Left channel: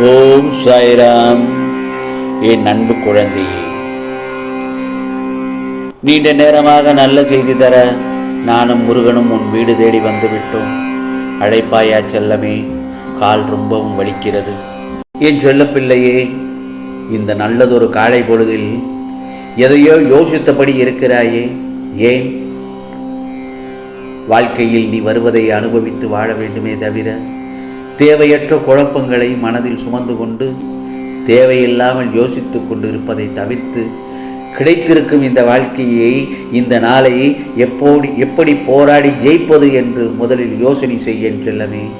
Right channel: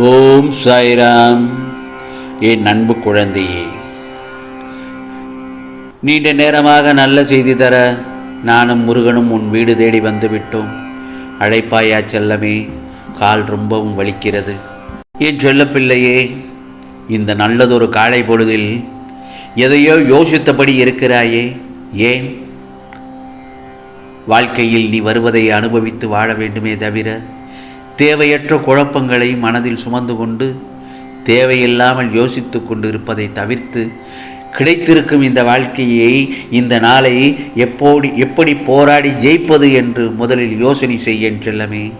ஓம் சாய்ராம். என் அன்பு குழந்தையே நீண்ட நேரமாக நல்ல செய்தி தர நானும் முருகனும் உன் வீடு தேடி வந்து விட்டோம் அழைப்பாயா செல்லமே கால் ரொம்பவும் வலிக்கிறது. என் செல்லப்பிள்ளையே இந்த நல்லதொரு காலை பொழுதில் எதையோ யோசித்தபடி இருக்கிறாயே ஏன்? வாழ்க்கையில் நீ வருவதை அனுபவித்து வாழ வேண்டுமே தவிர தேவையற்ற குழப்பங்களை மனதில் சுமந்து கொண்டு தேவையில்லாமல் யோசித்து கொண்டு இருப்பதை தவிர்த்து கிடைத்திருக்கும் இந்த வாழ்க்கையை இந்த நாளை எப்போடி எப்படி போராடி ஜெயிப்பது என்று முதலில் யோசனை செய்ய செல்லமே.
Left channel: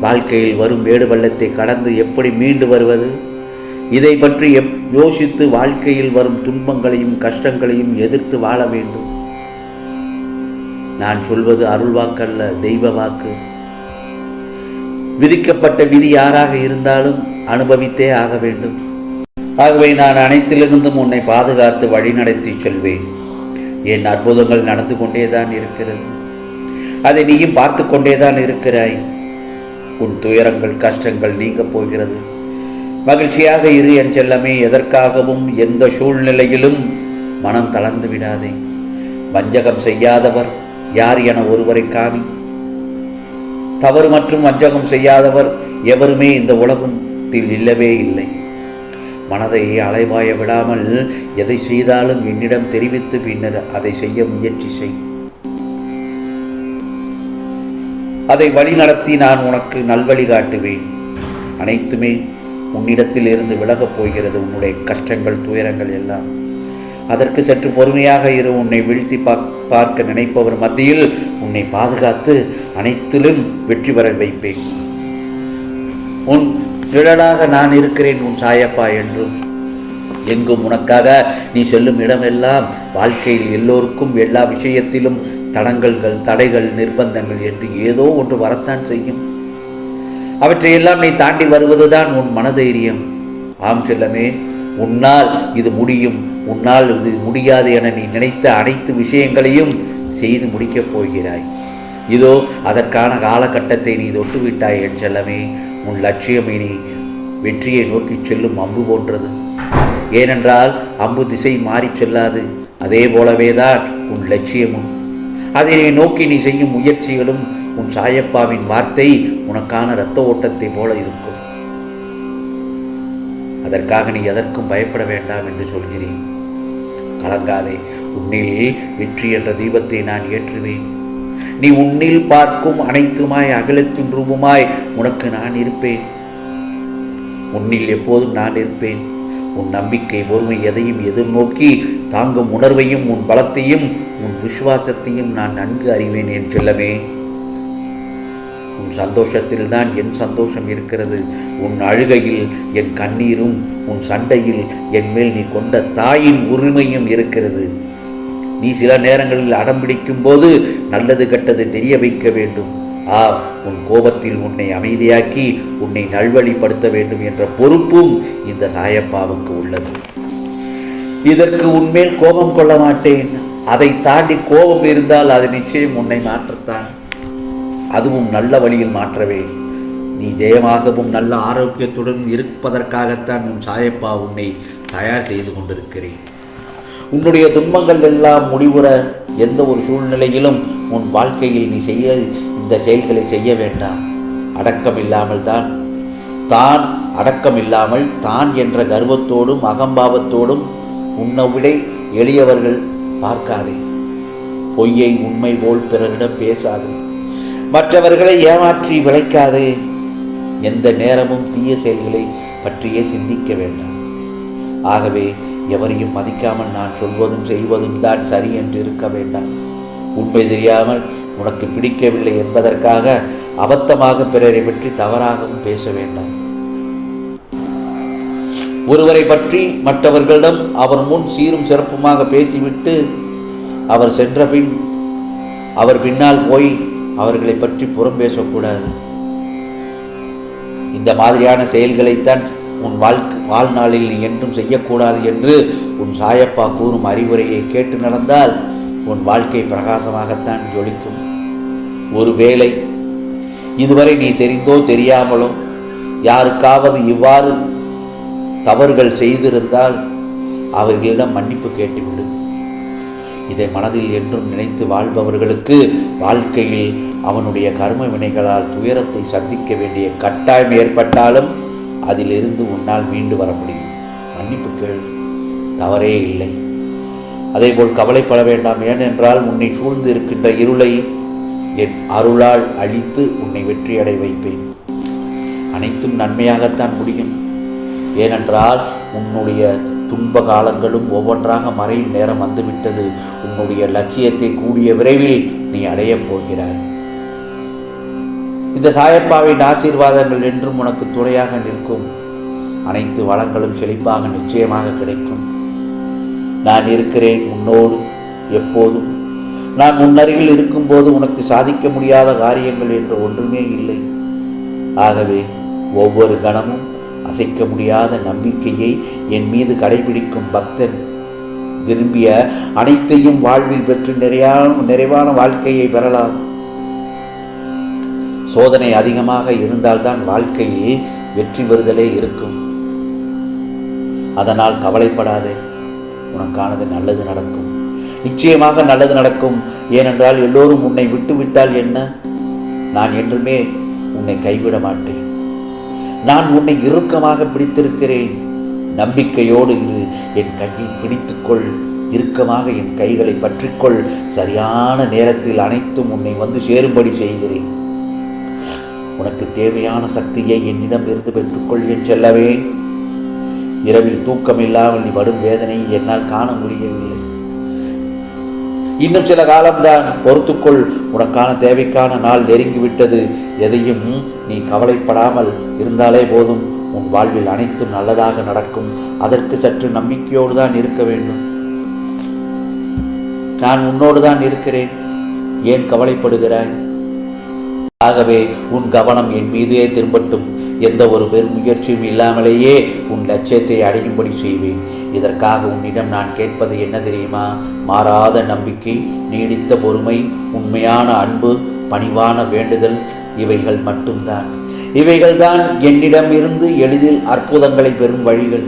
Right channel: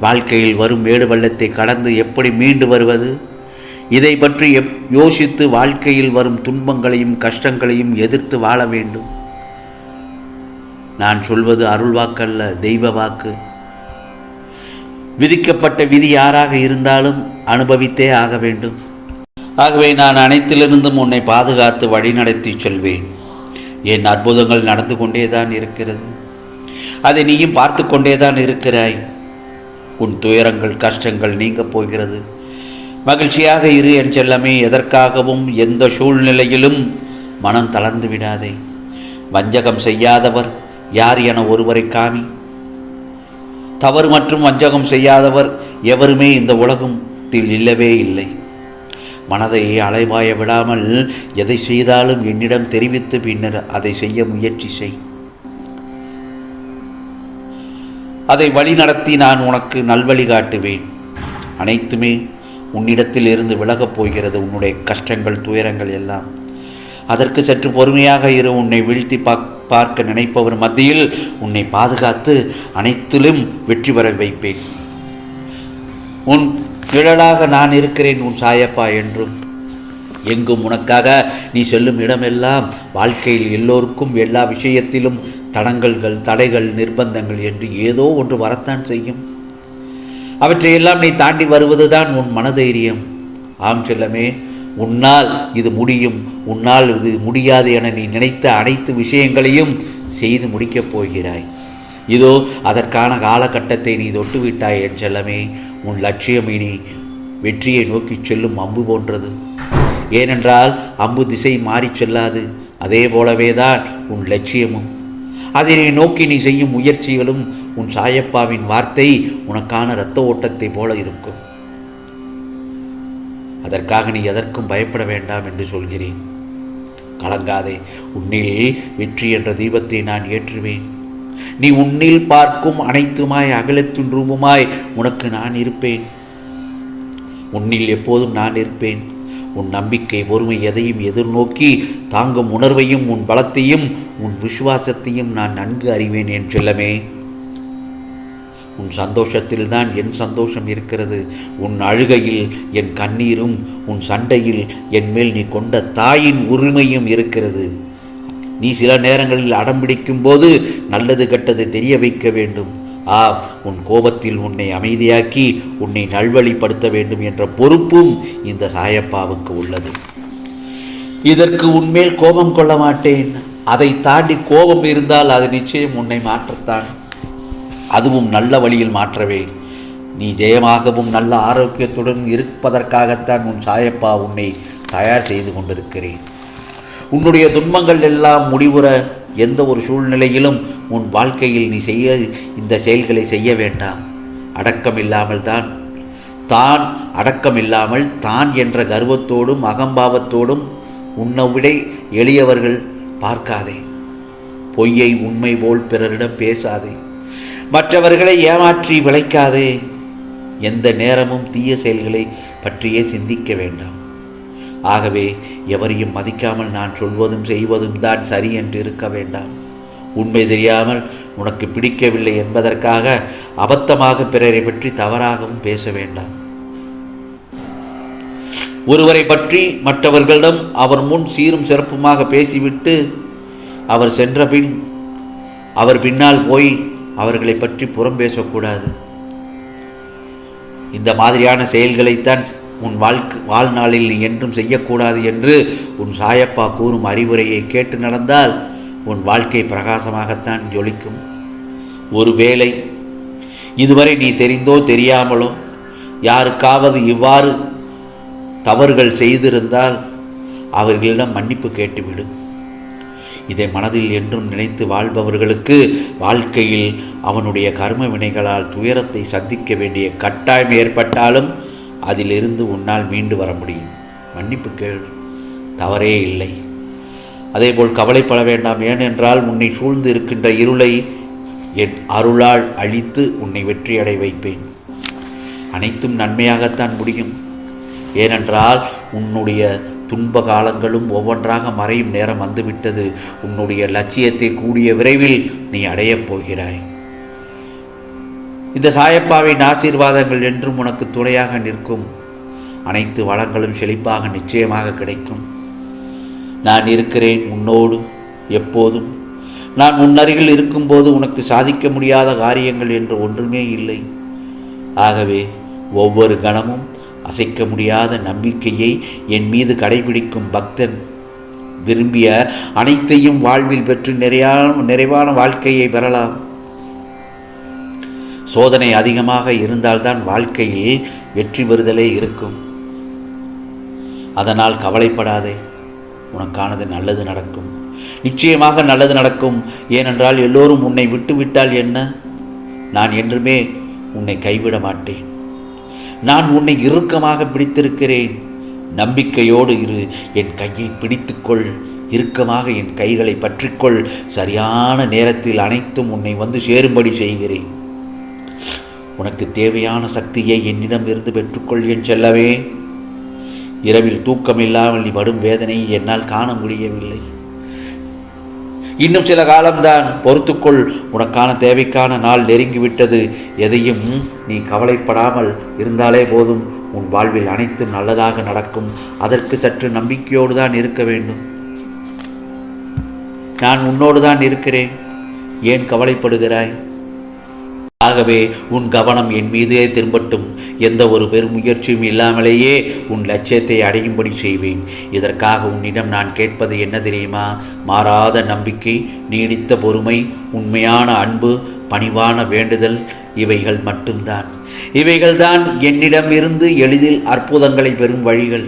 வாழ்க்கையில் வரும் வேடு வெள்ளத்தை கடந்து எப்படி மீண்டு வருவது? இதை பற்றி எப் யோசித்து வாழ்க்கையில் வரும் துன்பங்களையும் கஷ்டங்களையும் எதிர்த்து வாழ வேண்டும். நான் சொல்வது அருள் வாக்கல்ல தெய்வ வாக்கு. விதிக்கப்பட்ட விதி யாராக இருந்தாலும் அனுபவித்தே ஆக வேண்டும். ஆகவே நான் அனைத்திலிருந்தும் உன்னை பாதுகாத்து வழிநடத்தி செல்வேன். என் அற்புதங்கள் நடந்து கொண்டேதான் இருக்கிறது. அதை நீயும் பார்த்து கொண்டேதான் இருக்கிறாய். உன் துயரங்கள் கஷ்டங்கள் நீங்க போகிறது. மகிழ்ச்சியாக இரு என் செல்லமே எதற்காகவும் எந்த சூழ்நிலையிலும் மனம் தளர்ந்து விடாதே. வஞ்சகம் செய்யாதவர் யார் என ஒருவரை காமி தவறு மற்றும் வஞ்சகம் செய்யாதவர் எவருமே இந்த உலகத்தில் இல்லவே இல்லை. மனதை அலைவாய விடாமல் எதை செய்தாலும் என்னிடம் தெரிவித்து பின்னர் அதை செய்ய முயற்சி செய். அதை வழிநடத்தி நான் உனக்கு நல்வழி காட்டுவேன். அனைத்துமே உன்னிடத்தில் இருந்து விலகப் போகிறது. உன்னுடைய கஷ்டங்கள் துயரங்கள் எல்லாம் அதற்கு சற்று பொறுமையாக இரு உன்னை வீழ்த்தி பார்க்க நினைப்பவர் மத்தியில் உன்னை பாதுகாத்து அனைத்திலும் வெற்றி பெற வைப்பேன். உன் நிழலாக நான் இருக்கிறேன் உன் சாயப்பா என்றும். எங்கும் உனக்காக நீ செல்லும் இடமெல்லாம் வாழ்க்கையில் எல்லோருக்கும் எல்லா விஷயத்திலும் தடங்கல்கள் தடைகள் நிர்பந்தங்கள் என்று ஏதோ ஒன்று வரத்தான் செய்யும். அவற்றையெல்லாம் நீ தாண்டி வருவதுதான் உன் மனதைரியம். ஆம் செல்லமே உன்னால் இது முடியும் உன்னால் இது முடியாது என நீ நினைத்த அனைத்து விஷயங்களையும் செய்து முடிக்கப் போகிறாய். இதோ அதற்கான காலகட்டத்தை நீ தொட்டுவிட்டாய் என் செல்லமே. உன் லட்சியம் இனி வெற்றியை நோக்கி செல்லும் அம்பு போன்றது. ஏனென்றால் அம்பு திசை மாறிச் செல்லாது. அதே போலவே தான் உன் லட்சியமும். அதனை நோக்கி நீ செய்யும் முயற்சிகளும் உன் சாயப்பாவின் வார்த்தை உனக்கான இரத்த ஓட்டத்தை போல இருக்கும். அதற்காக நீ எதற்கும் பயப்பட வேண்டாம் என்று சொல்கிறேன். கலங்காதே உன்னில் வெற்றி என்ற தீபத்தை நான் ஏற்றுவேன். நீ உன்னில் பார்க்கும் அனைத்துமாய் அகலத்தின் ரூபமாய் உனக்கு நான் இருப்பேன். உன்னில் எப்போதும் நான் இருப்பேன். உன் நம்பிக்கை பொறுமை எதையும் எதிர்நோக்கி தாங்கும் உணர்வையும் உன் பலத்தையும் உன் விசுவாசத்தையும் நான் நன்கு அறிவேன் என் செல்லமே. உன் சந்தோஷத்தில் தான் என் சந்தோஷம் இருக்கிறது. உன் அழுகையில் என் கண்ணீரும் உன் சண்டையில் என் மேல் நீ கொண்ட தாயின் உரிமையும் இருக்கிறது. நீ சில நேரங்களில் அடம்பிடிக்கும் போது நல்லது கெட்டது தெரிய வைக்க வேண்டும். ஆ உன் கோபத்தில் உன்னை அமைதியாக்கி உன்னை நல்வழிப்படுத்த வேண்டும் என்ற பொறுப்பும் இந்த சாயப்பாவுக்கு உள்ளது. இதற்கு உன்மேல் கோபம் கொள்ள மாட்டேன். அதை தாண்டி கோபம் இருந்தால் அது நிச்சயம் உன்னை மாற்றத்தான். அதுவும் நல்ல வழியில் மாற்றவே. நீ ஜெயமாகவும் நல்ல ஆரோக்கியத்துடன் இருப்பதற்காகத்தான் உன் சாயப்பா உன்னை தயார் செய்து கொண்டிருக்கிறேன். உன்னுடைய துன்பங்கள் எல்லாம் முடிவுற எந்த ஒரு சூழ்நிலையிலும் உன் வாழ்க்கையில் நீ செய்ய இந்த செயல்களை செய்ய வேண்டாம். அடக்கம் இல்லாமல் தான் தான் அடக்கம் இல்லாமல் தான் என்ற கர்வத்தோடும் அகம்பாவத்தோடும் உன்னை விட எளியவர்கள் பார்க்காதே. பொய்யை உண்மை போல் பிறரிடம் பேசாதே. மற்றவர்களை ஏமாற்றி விளைக்காதே. எந்த நேரமும் தீய செயல்களை பற்றியே சிந்திக்க வேண்டாம். ஆகவே எவரையும் மதிக்காமல் நான் சொல்வதும் செய்வதும் தான் சரி என்று இருக்க வேண்டாம். உண்மை தெரியாமல் உனக்கு பிடிக்கவில்லை என்பதற்காக அபத்தமாக பிறரை பற்றி தவறாகவும் பேச வேண்டாம். ஒருவரை பற்றி மற்றவர்களிடம் அவர் முன் சீரும் சிறப்புமாக பேசிவிட்டு அவர் சென்ற பின் அவர் பின்னால் போய் அவர்களை பற்றி புறம் பேசக்கூடாது. இந்த மாதிரியான செயல்களைத்தான் உன் வாழ்க்கை வாழ்நாளில் நீ என்றும் செய்யக்கூடாது என்று உன் சாயப்பா கூறும் அறிவுரையை கேட்டு நடந்தால் உன் வாழ்க்கை பிரகாசமாகத்தான் ஜொலிக்கும். ஒருவேளை இதுவரை நீ தெரிந்தோ தெரியாமலோ யாருக்காவது இவ்வாறு தவறுகள் செய்திருந்தால் அவர்களிடம் மன்னிப்பு கேட்டுவிடும் இதை மனதில் என்றும் நினைத்து வாழ்பவர்களுக்கு வாழ்க்கையில் அவனுடைய கர்ம வினைகளால் துயரத்தை சந்திக்க வேண்டிய கட்டாயம் ஏற்பட்டாலும் அதிலிருந்து உன்னால் மீண்டு வர முடியும். மன்னிப்பு கேள். தவறே இல்லை. அதேபோல் கவலைப்பட வேண்டாம். ஏனென்றால் உன்னை சூழ்ந்து இருக்கின்ற இருளை என் அருளால் அழித்து உன்னை வெற்றியடை வைப்பேன். அனைத்தும் நன்மையாகத்தான் முடியும். ஏனென்றால் உன்னுடைய துன்ப காலங்களும் ஒவ்வொன்றாக மறையும் நேரம் வந்துவிட்டது. உன்னுடைய லட்சியத்தை கூடிய விரைவில் நீ அடையப் போகிறாய். இந்த சாயப்பாவின் ஆசீர்வாதங்கள் என்றும் உனக்கு துணையாக நிற்கும். அனைத்து வளங்களும் செழிப்பாக நிச்சயமாக கிடைக்கும். நான் இருக்கிறேன் உன்னோடு எப்போதும். நான் முன்னருகில் இருக்கும்போது உனக்கு சாதிக்க முடியாத காரியங்கள் என்று ஒன்றுமே இல்லை. ஆகவே ஒவ்வொரு கணமும் அசைக்க முடியாத நம்பிக்கையை என் மீது கடைபிடிக்கும் பக்தன் விரும்பிய அனைத்தையும் வாழ்வில் பெற்று நிறையான நிறைவான வாழ்க்கையை பெறலாம். சோதனை அதிகமாக இருந்தால்தான் வாழ்க்கையில் வெற்றி பெறுதலே இருக்கும். அதனால் கவலைப்படாதே உனக்கானது நல்லது நடக்கும். நிச்சயமாக நல்லது நடக்கும். ஏனென்றால் எல்லோரும் உன்னை விட்டுவிட்டால் என்ன? நான் என்றுமே உன்னை கைவிட மாட்டேன். நான் உன்னை இறுக்கமாக பிடித்திருக்கிறேன். நம்பிக்கையோடு இரு. என் கையை பிடித்துக்கொள். இறுக்கமாக என் கைகளை பற்றிக்கொள். சரியான நேரத்தில் அனைத்தும் உன்னை வந்து சேரும்படி செய்கிறேன். உனக்கு தேவையான சக்தியை என்னிடம் இருந்து பெற்றுக்கொள் என் செல்லவே. இரவில் தூக்கமில்லாமல் நீ படும் வேதனையை என்னால் காண முடியவில்லை. இன்னும் சில காலம்தான். பொறுத்துக்கொள் உனக்கான தேவைக்கான நாள் நெருங்கிவிட்டது. எதையும் நீ கவலைப்படாமல் இருந்தாலே போதும். உன் வாழ்வில் அனைத்தும் நல்லதாக நடக்கும். அதற்கு சற்று நம்பிக்கையோடு தான் இருக்க வேண்டும். நான் உன்னோடு தான் இருக்கிறேன். ஏன் கவலைப்படுகிறாய்? ஆகவே உன் கவனம் என் மீதே திரும்பட்டும். எந்த ஒரு பெரும் முயற்சியும் இல்லாமலேயே உன் லட்சியத்தை அடையும்படி செய்வேன். இதற்காக உன்னிடம் நான் கேட்பது என்ன தெரியுமா? மாறாத நம்பிக்கை நீடித்த பொறுமை உண்மையான அன்பு பணிவான வேண்டுதல் இவைகள் மட்டும்தான். இவைகள்தான் என்னிடம் இருந்து எளிதில் அற்புதங்களை பெறும் வழிகள்.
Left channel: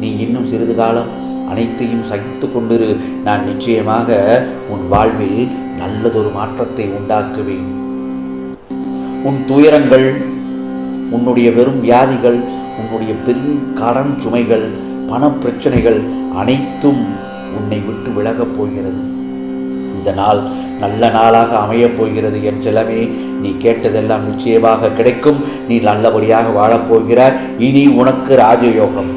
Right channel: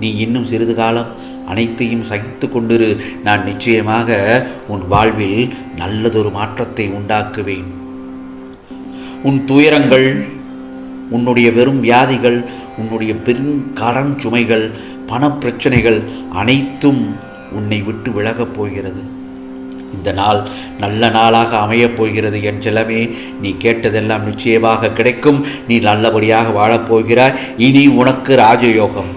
நீ இன்னும் சிறிது காலம் அனைத்தையும் சகித்து கொண்டிரு. நான் நிச்சயமாக உன் வாழ்வில் நல்லதொரு மாற்றத்தை உண்டாக்குவேன். உன் துயரங்கள் உன்னுடைய வெறும் வியாதிகள் உன்னுடைய பெரும் கடன் சுமைகள் பணப்பிரச்சனைகள் அனைத்தும் உன்னை விட்டு விலகப் போகிறது. இந்த நாள் நல்ல நாளாக அமையப் போகிறது. என் செல்லமே நீ கேட்டதெல்லாம் நிச்சயமாக கிடைக்கும். நீ நல்லபடியாக வாழப்போகிறாய் இனி உனக்கு ராஜயோகம்.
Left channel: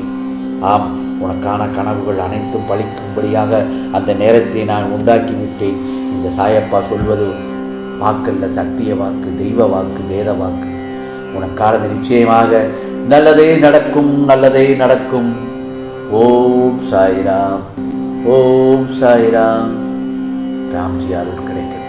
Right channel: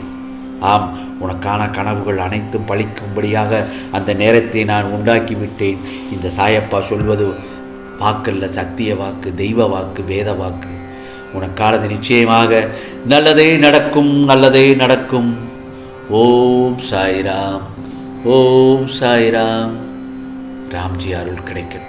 ஆம் உனக்கான கனவுகள் அனைத்தும் பழிக்கும்படியாக அந்த நேரத்தை நான் உண்டாக்கி விட்டேன் இந்த சாயப்பா சொல்வது வாக்கல்ல சத்திய வாக்கு தெய்வ வாக்கு வேத வாக்கு. உனக்கானது நிச்சயமாக நல்லதே நடக்கும் நல்லதே நடக்கும். ஓம் சாய்ராம் ஓம் சாய்ராம். ராம்ஜி அருள் கிடைக்கட்டும்.